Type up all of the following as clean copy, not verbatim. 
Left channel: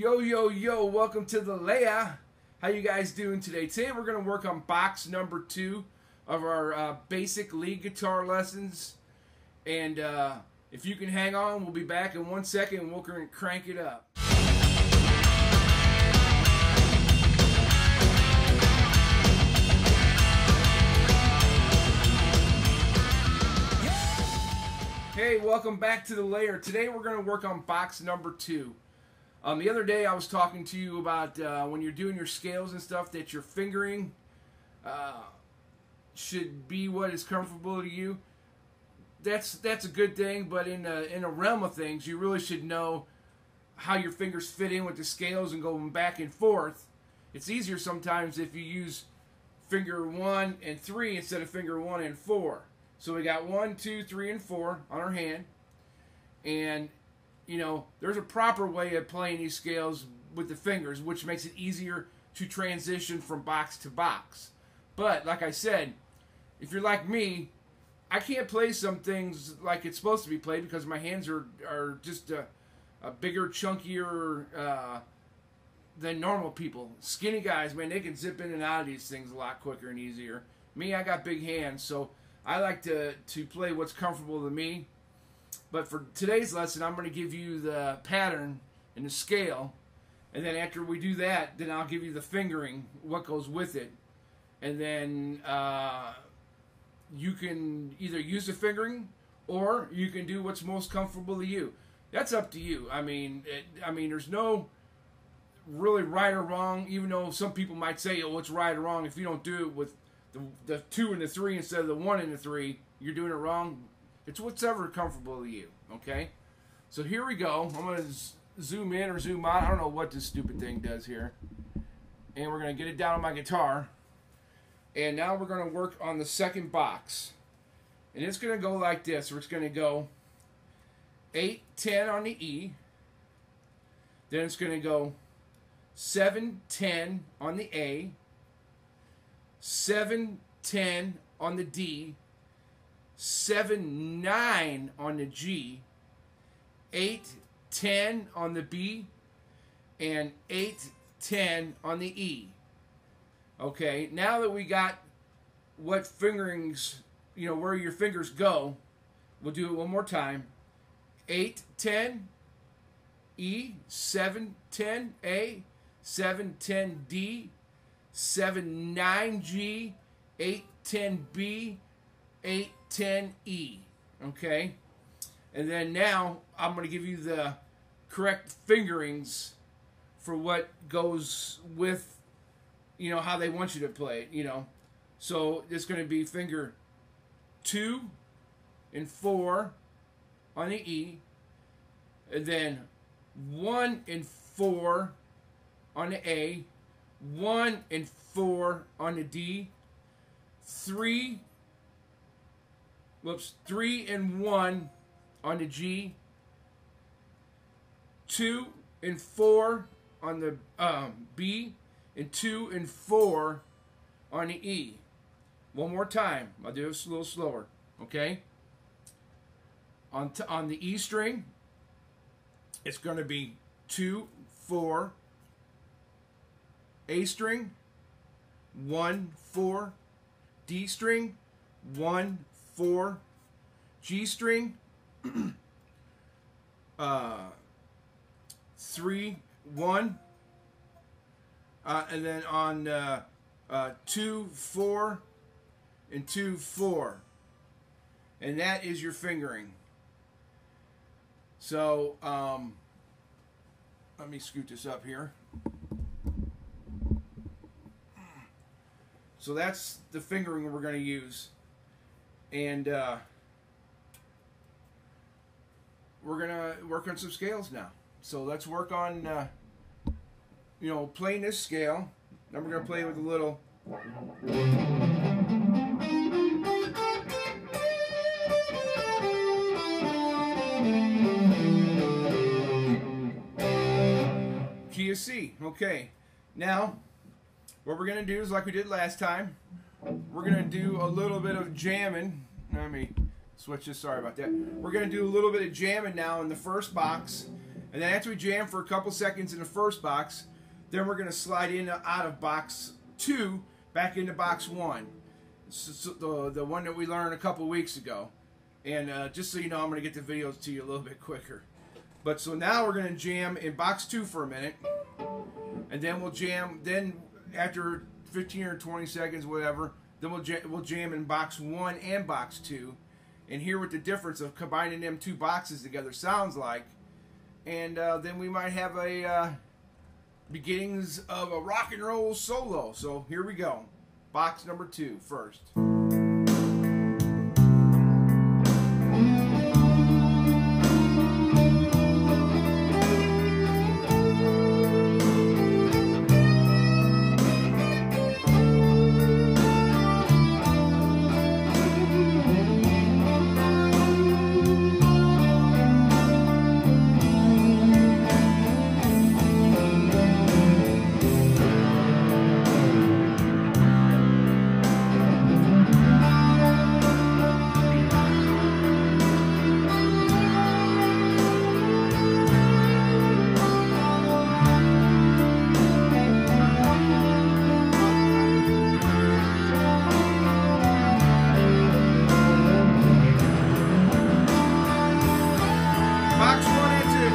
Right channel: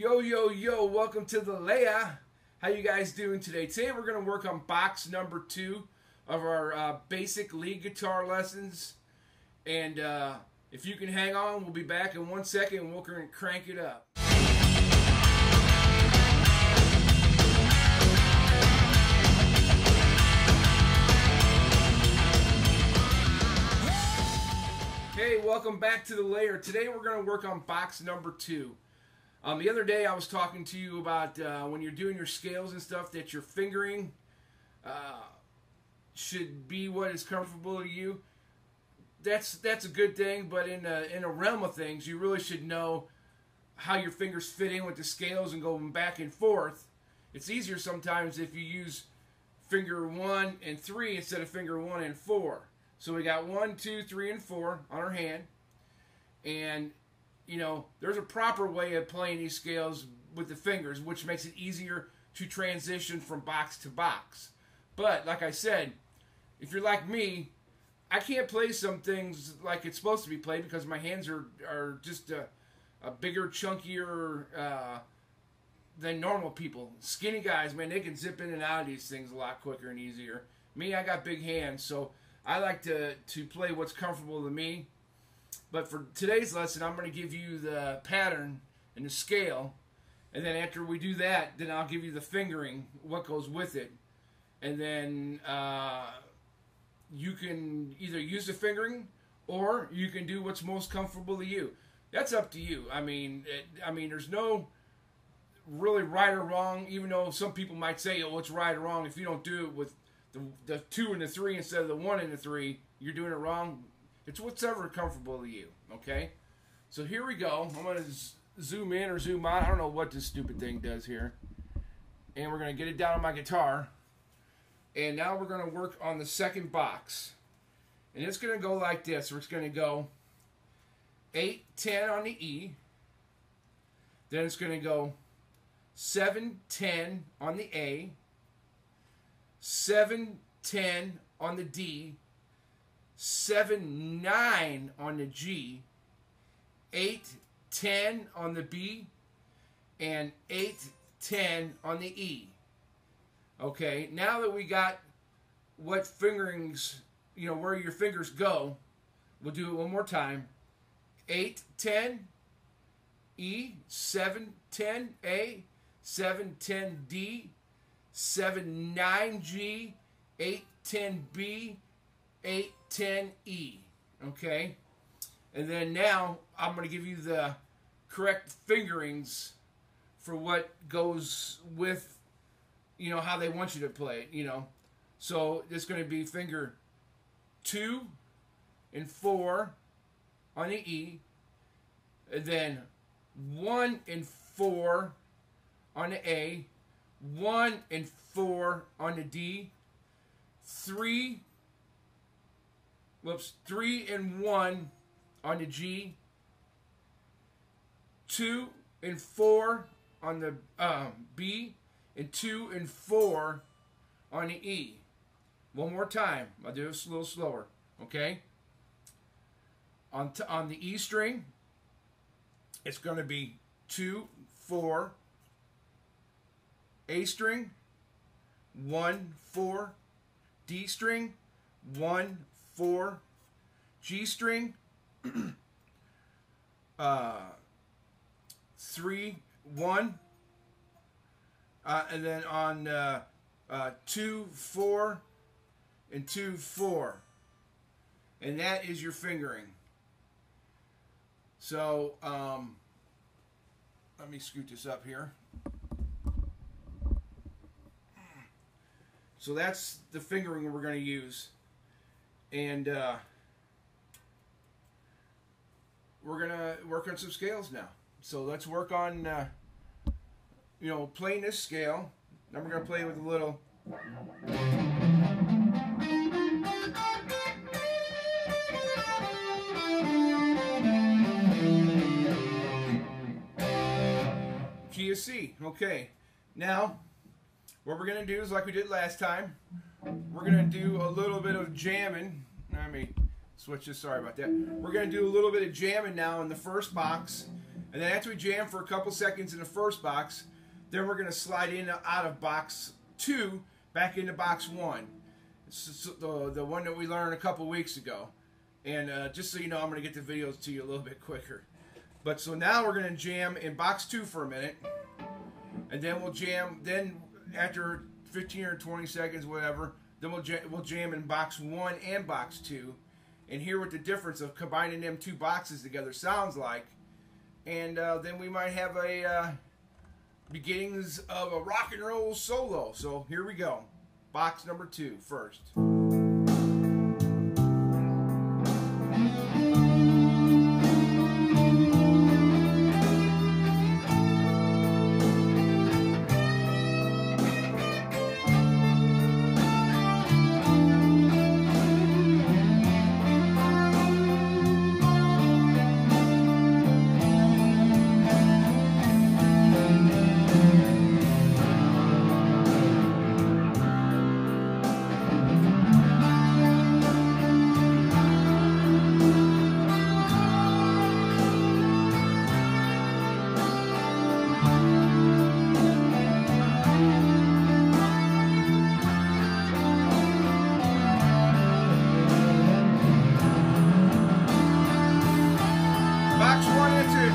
Yo, welcome to the Leia. How you guys doing today? Today we're going to work on box number 2 of our basic lead guitar lessons. And if you can hang on, we'll be back in 1 second and we'll crank it up. Hey, welcome back to the Layer. Today we're going to work on box number 2. The other day I was talking to you about when you're doing your scales and stuff that your fingering should be what is comfortable to you. That's a good thing, but in a realm of things, you really should know how your fingers fit in with the scales and going back and forth. It's easier sometimes if you use finger 1 and 3 instead of finger 1 and 4. So we got 1, 2, 3, and 4 on our hand. And, you know, there's a proper way of playing these scales with the fingers, which makes it easier to transition from box to box. But, like I said, if you're like me, I can't play some things like it's supposed to be played because my hands are just a bigger, chunkier than normal people. Skinny guys, man, they can zip in and out of these things a lot quicker and easier. Me, I got big hands, so I like to play what's comfortable to me. But for today's lesson, I'm going to give you the pattern and the scale. And then after we do that, then I'll give you the fingering, what goes with it. And then you can either use the fingering or you can do what's most comfortable to you. That's up to you. I mean, there's no really right or wrong, even though some people might say, oh, it's right or wrong. If you don't do it with the 2 and the 3 instead of the 1 and the 3, you're doing it wrong. It's whatever comfortable to you, okay? So here we go. I'm going to zoom in or zoom out. I don't know what this stupid thing does here. And we're going to get it down on my guitar. And now we're going to work on the second box. And it's going to go like this. It's going to go 8, 10 on the E. Then it's going to go 7, 10 on the A. 7, 10 on the D, 7, 9 on the G, 8, 10 on the B, and 8, 10 on the E. Okay, now that we got what fingerings, you know, where your fingers go, we'll do it one more time. 8, 10, E, 7, 10, A, 7, 10, D, 7, 9, G, 8, 10, B, 8, 10, E. Okay? And then now I'm going to give you the correct fingerings for what goes with, you know, how they want you to play it, you know. So it's going to be finger 2 and 4 on the E. And then 1 and 4 on the A. 1 and 4 on the D, 3 and 1 on the G, 2 and 4 on the B, and 2 and 4 on the E. One more time. I'll do it a little slower, okay? On the E string, it's going to be 2, 4, A string, 1, 4, D string, 1, 4, G string, 3, 1, and then on 2, 4, and 2, 4. And that is your fingering. So, let me scoot this up here. So that's the fingering we're going to use. And we're going to work on some scales now. So let's work on, you know, playing this scale. Then we're going to play with a little... key of C. Okay. Now, what we're going to do is like we did last time. We're going to do a little bit of jamming. Let me switch this. Sorry about that. We're going to do a little bit of jamming now in the first box. And then after we jam for a couple seconds in the first box, then we're going to slide in and out of box 2 back into box 1. So the one that we learned a couple weeks ago. And just so you know, I'm going to get the videos to you a little bit quicker. But so now we're going to jam in box 2 for a minute. And then we'll jam, then after 15 or 20 seconds, whatever, then we'll jam in box 1 and box 2. And hear what the difference of combining them two boxes together sounds like. And then we might have a beginnings of a rock and roll solo. So here we go. Box number 2 first. Box 1 and 2.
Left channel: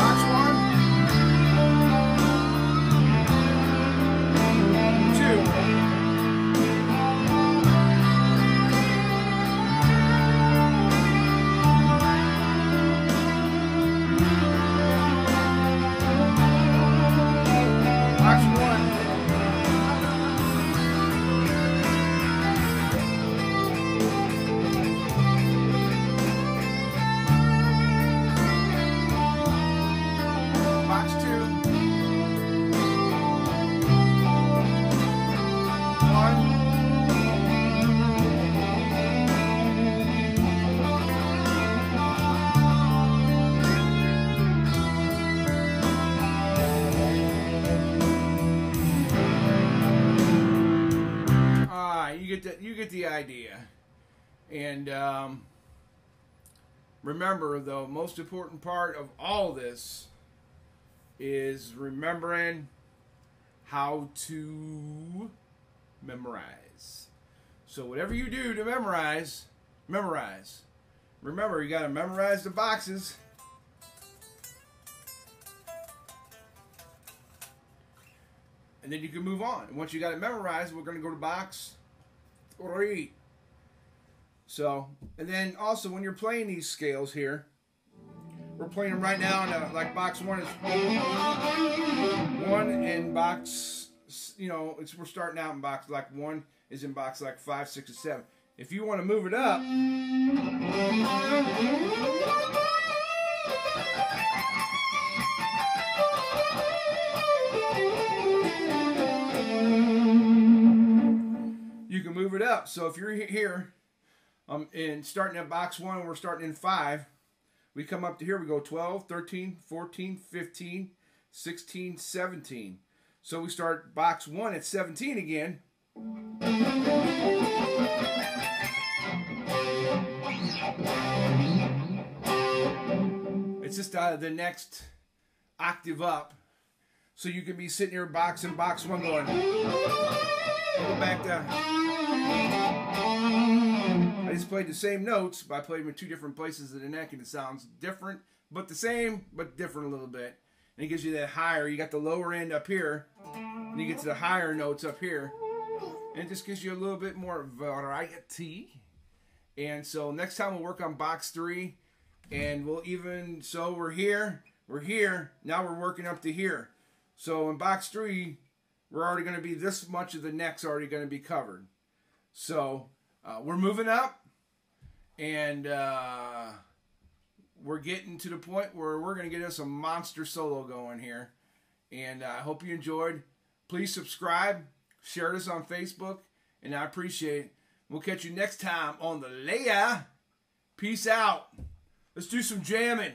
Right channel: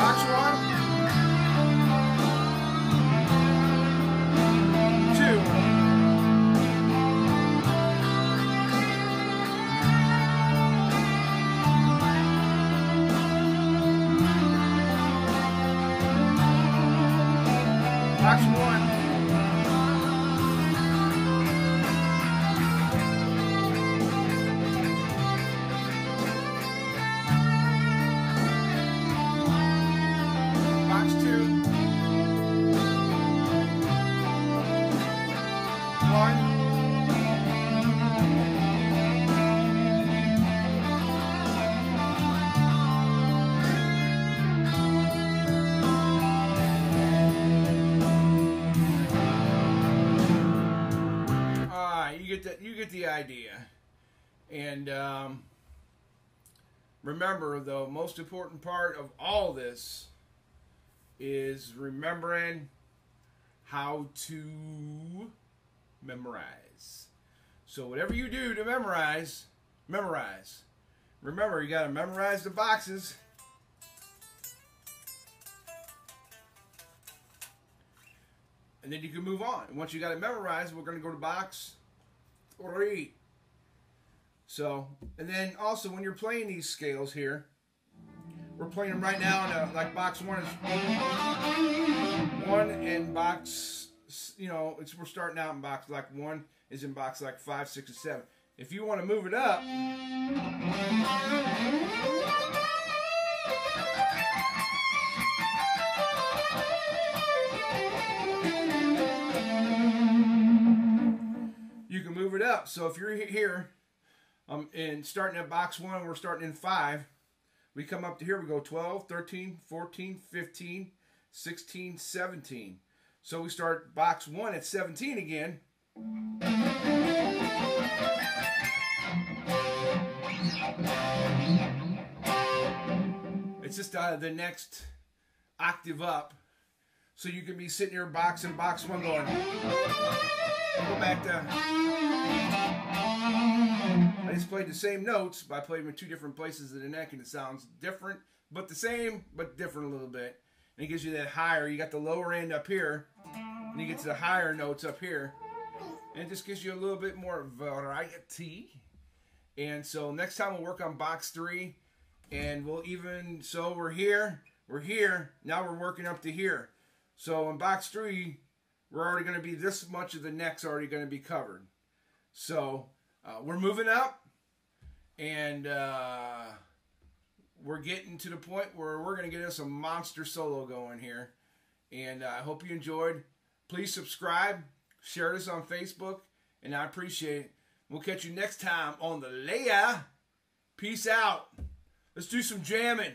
Box 1, 2. Box 1. Box 2, 1. You get the idea. And remember, the most important part of all this is remembering how to memorize. So whatever you do to memorize, memorize. Remember, you got to memorize the boxes. And then you can move on. And once you got it memorized, we're going to go to box 3. So, and then also when you're playing these scales here, we're playing them right now in like box 1 is 1 and box, you know, we're starting out in box like 1 is in box like 5, 6, and 7. If you want to move it up, you can move it up. So if you're here and starting at box 1, we're starting in 5. We come up to here, we go 12, 13, 14, 15, 16, 17. So we start box 1 at 17 again. It's just the next octave up. So you can be sitting here boxing box 1 going, go back to, I just played the same notes, but I played them in 2 different places of the neck, and it sounds different, but the same, but different a little bit. And it gives you that higher, you got the lower end up here, and you get to the higher notes up here, and it just gives you a little bit more variety. And so next time we'll work on box 3, and we'll even, so we're here, now we're working up to here. So in box 3, we're already going to be, this much of the neck's already going to be covered. So we're moving up, and we're getting to the point where we're going to get us a monster solo going here. And I hope you enjoyed. Please subscribe, share this on Facebook, and I appreciate it. We'll catch you next time on the Leia. Peace out. Let's do some jamming.